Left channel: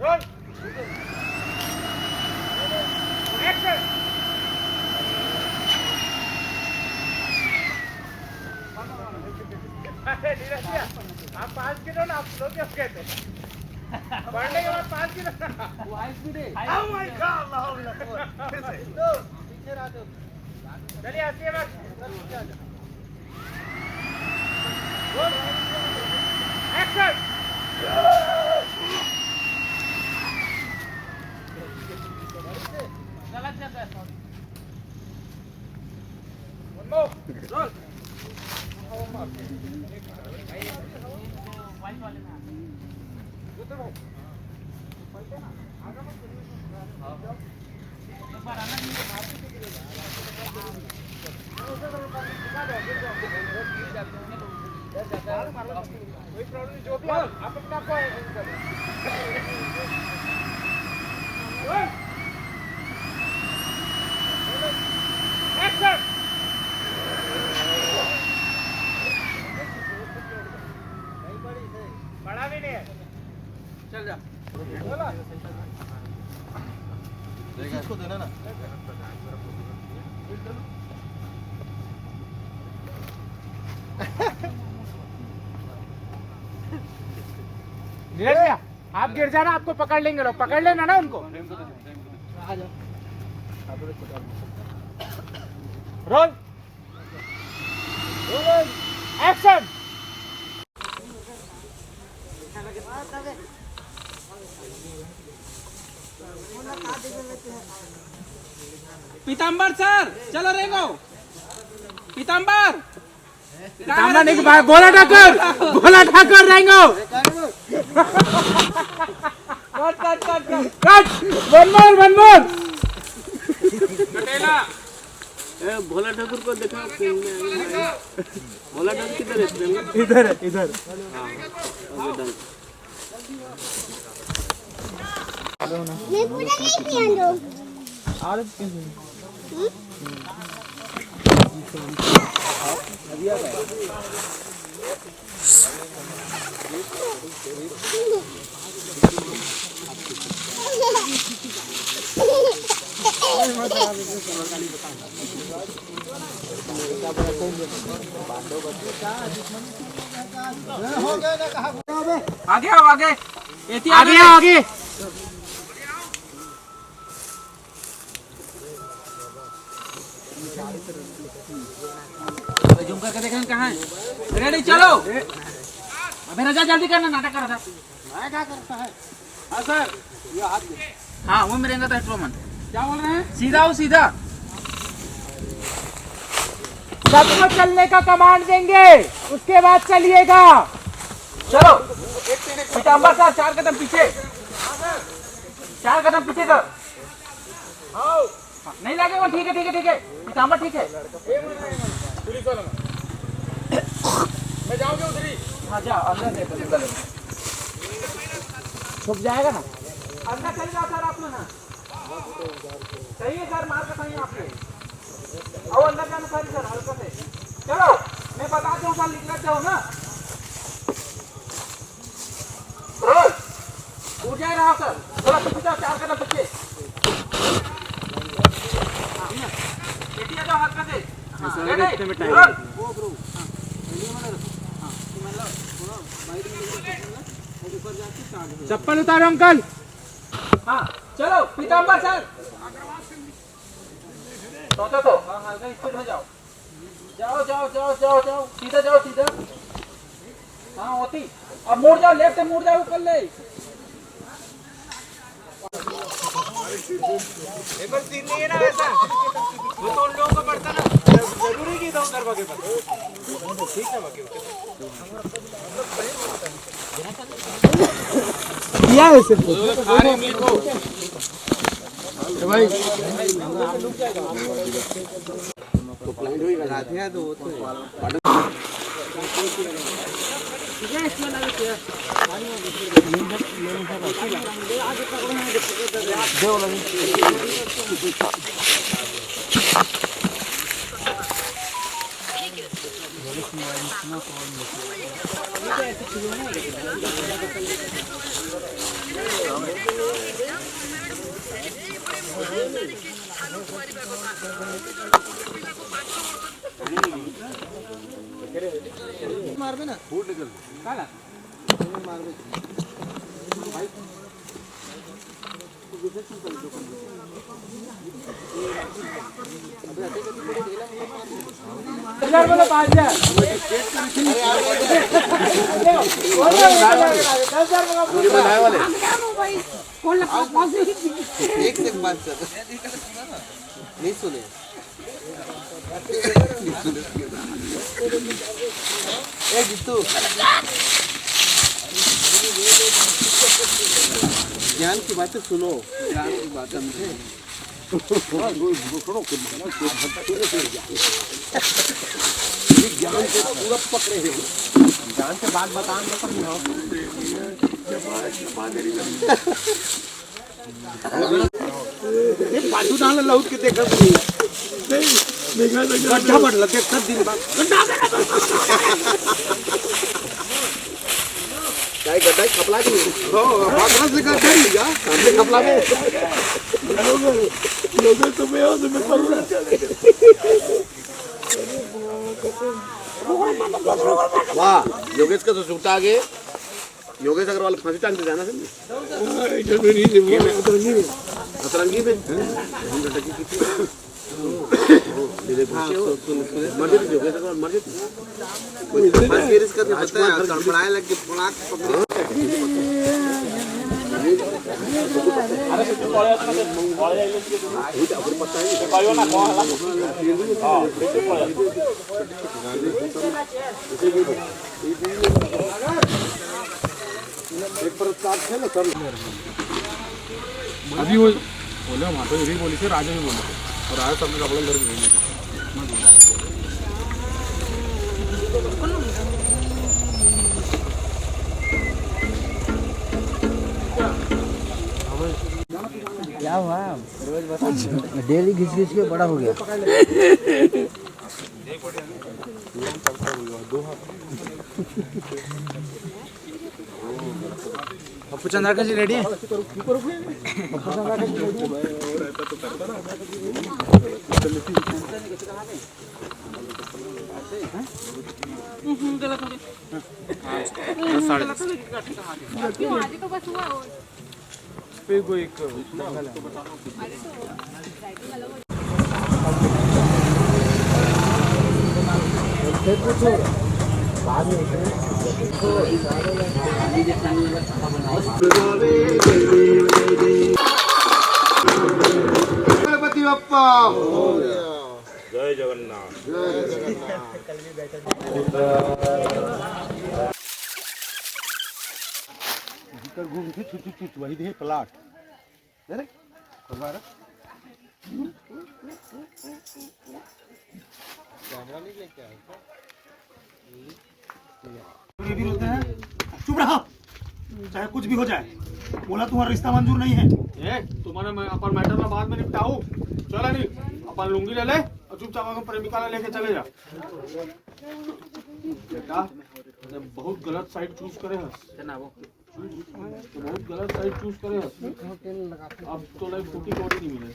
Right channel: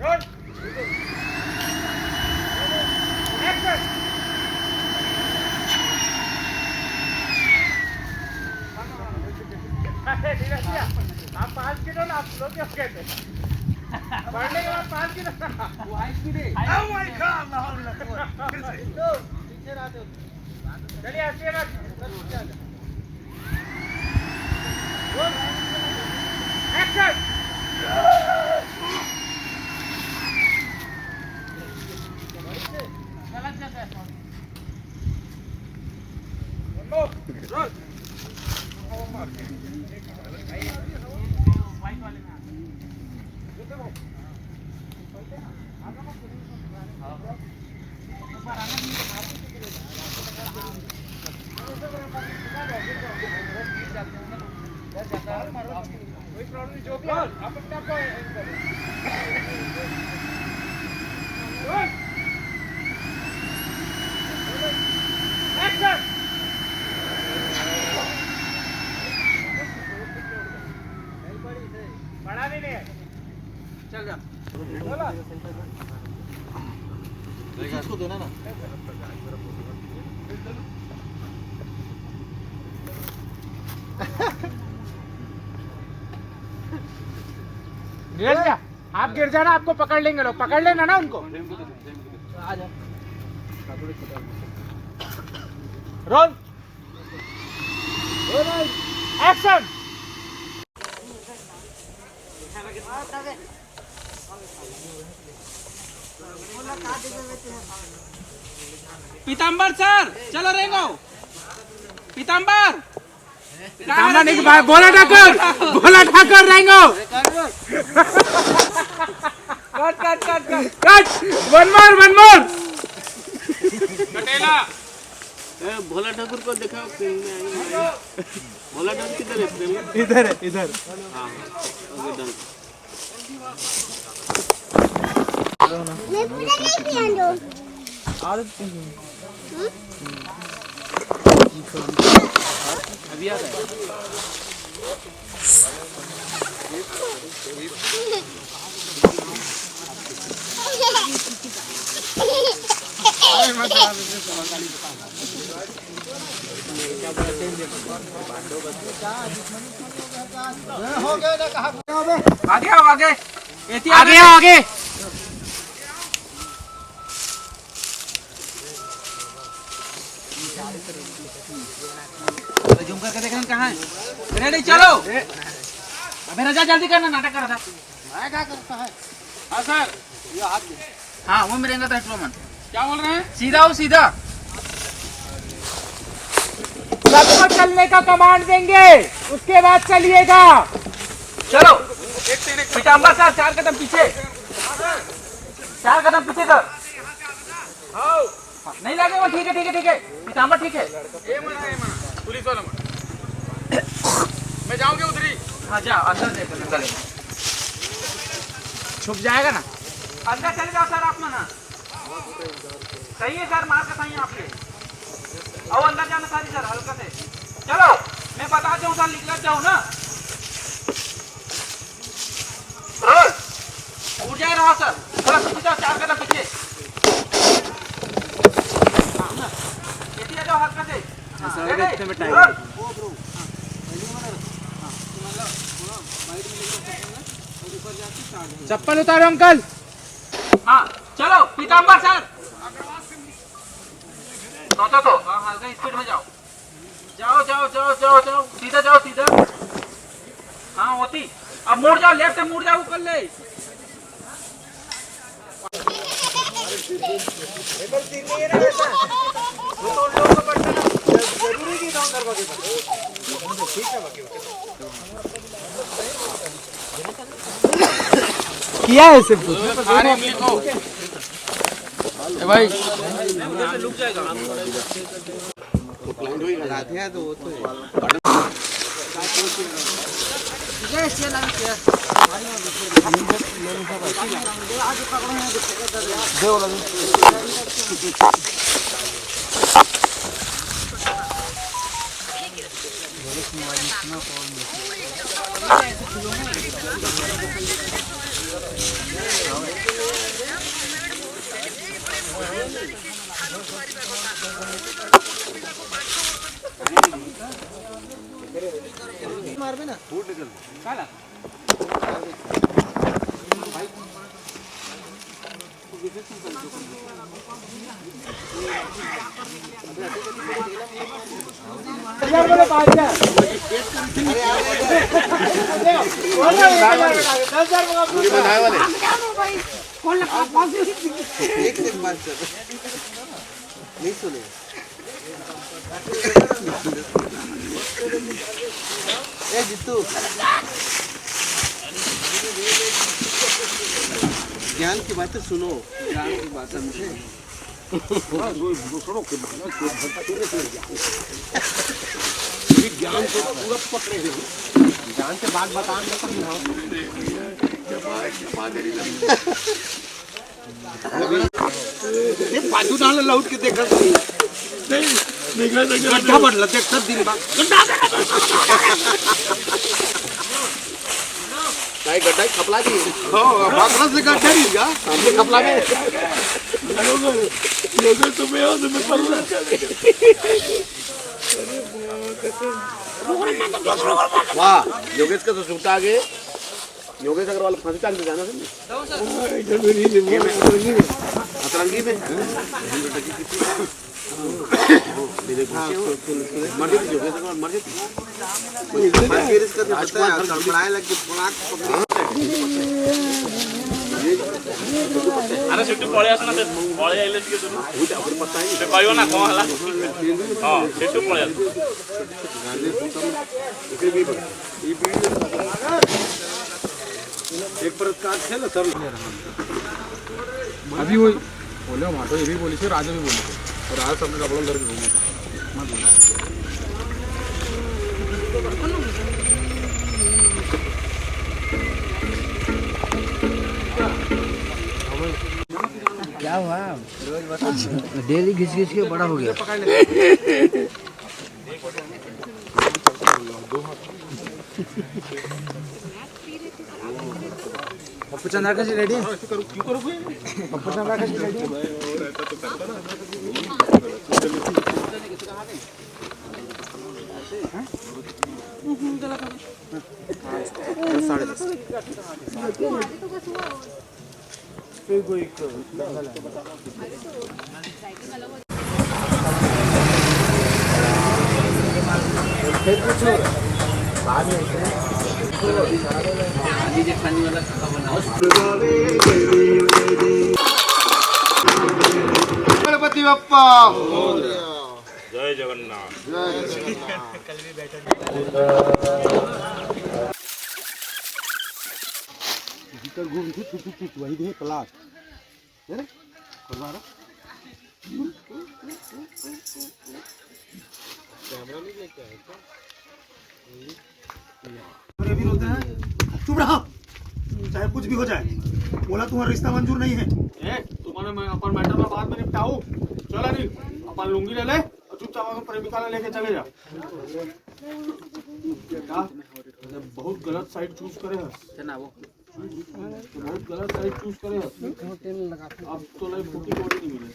Roll action. आप 5 kilo ना, आप लोग क्या कहते हैं? बढ़ने के बाद 5 किलो वो हाई स्पीड है। ओह माय गॉड, फिर से पीछे रहा तो चलिए आइए बस रोल एक्शन। गलत जाता है सॉरी। रोल वाइट वाले में एक बार आना नहीं है। कोई प्रॉब्लम नहीं, जो भी आप अपने आप को एक्शन। बड़ा भी नहीं है, चल जा बोला इसको देना ना। आप गिर जाना, आपको पकड़ लेंगे लोग, पकड़ लेना ना उनको। Roll action. पीताम्बर सर चलो रेंगो। पीताम्बर पीताम्बर नहीं, गोला ठाकर रहेंगे। कट वन मोर कटेला भोला ठाकुर को देखा। भोला ठाकुर किधर है? इधर है, इधर। मैं पूरा नहीं पिया दो। अभी आ रहा है। आगे आओ आगे आगे जूम करके देखना कहाँ है। रेडी चलो। अबे रजा जल्दी करना, नाटक कर रहा था। मैं क्या करता है? हाँ सर। ये हाथ दे। हाँ वो मेरे अंदर रोमन क्या बोल रहे हैं? सीधा हो सीधा। सबको चलने का कमांड देंगे, उसके बाद चलिएगा। चलो पीताम्बर सर 4 कदम पीछे, 4 कदम पीछे सर। हाँ, नहीं लगेगा। ठीक है पीताम्बर ठीक है। पुलिस वालों मैं जाऊंगी उधरी। हाँ जाओ अंदर देखो, छुप जाएगा ना। अंदर चले जाओ सर। आप ना सही है सर, मार का सही है आपके। आओ अंदर जाना सारी सर, हल्का से चलो। मैं बताता हूँ सर, निकल जाओ ना। उठ जाए रहा सर, थोड़ा पीछे जाओ, 4 कदम पीछे। हाँ ना, पीछे जाओ हल्का से। चप्पल उतारो अंकल। हाँ चलो पीताम्बर सर। तो हाँ हल्का स्पीड में जाओ। जाओ सीधा जाओ सीधा। हाँ होती। अब मुड़ जाओ, लेफ्ट से मुड़ जाओ ऊपर ले। नहीं है ना ऐसा, वो तो उन लोगों को पड़ता ना, जरूरी की डाउन करवा के पास। ठीक है बाकी किया है सिर्फ खाने में लिखो भाई। लुक जाएगा तो क्लाइंट होई लगाते हैं तो वो तो मारबे ना फूट निकल काला हजार बोलो 5000 ये बनाए वाले एक से बात कर नहीं सुने ए जीतू ज्ञान की बातें सुनो ज्ञान की बात समझे ज्ञान से पूरा पकड़े हुए ज्ञान से बात बताने का बाजू डाल लौट के देखत नहीं गड्ढा भरला देखत दिन बाद काय गड्ढा खपला की हो बातरा से गड्ढा नहीं का सामने खपला में लोगे तुम्हें और तुम्हें पर वाह योगेश का तो छूटा आगे योगेश अग्रवाल फांसी टांग के जाना अतरंगी में मर जाती योगेश अग्रवाल मर जाती अरे सिट्टू पळे आता ना ते पळे आइले की तुम्ही ते पायो ना खावाला हां सिट्टू पळे एक प्रकार से ना सब अभी वो बोले मातो ये भी बोली थी राजा भी बोले थे और राजा सबने कपड़ा अंदर भेजने का मत बोलो क्या हुआ रोज बता डेली घिस घिस के बड़ा हो गया पप्पू चंद्रा का जी रेडी है गणपति बप्पा जय जगन्नाथ घूम के वही दे प्लाट अरे करवा रहा चुप रहो चाहे कुछ भी हो जाए बोला तुम्हारा रिश्ता मंजूर नहीं है तुम्हारे मैं अपन मैटर में बाद में निपटाऊं चला नहीं अपन लुंगी ले ले और चुपचाप अपन प्रेमिका लेके चले जा बेटा बहुत गलत साइड चूज करे है तो बहुत गलत साइड चूज करे है अब तो लाइक फूटी कोटी नहीं मिले